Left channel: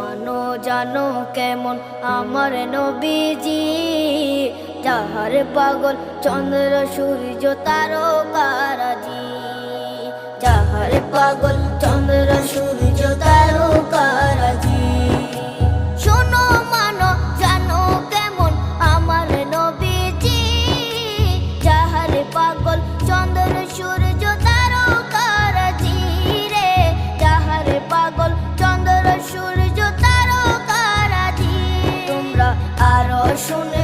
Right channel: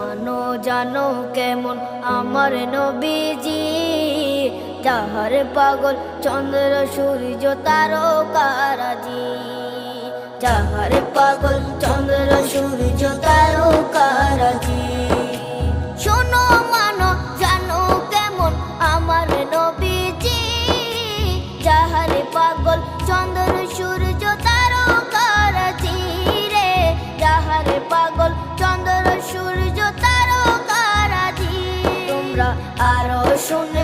মানো জানো কেমন আমার নবীজি, যাহার পাগল চন্দ্র সূর্য তারকারাজি, যাহার পাগল চন্দ্র সূর্য তারকারাজি। শোনো মানো জানো কেমন আমার নবীজি, যাহার পাগল চন্দ্র সূর্য তারকারাজি রে, যাহার পাগল চন্দ্র সূর্য তারকারাজি। তোমরা আরো শুনে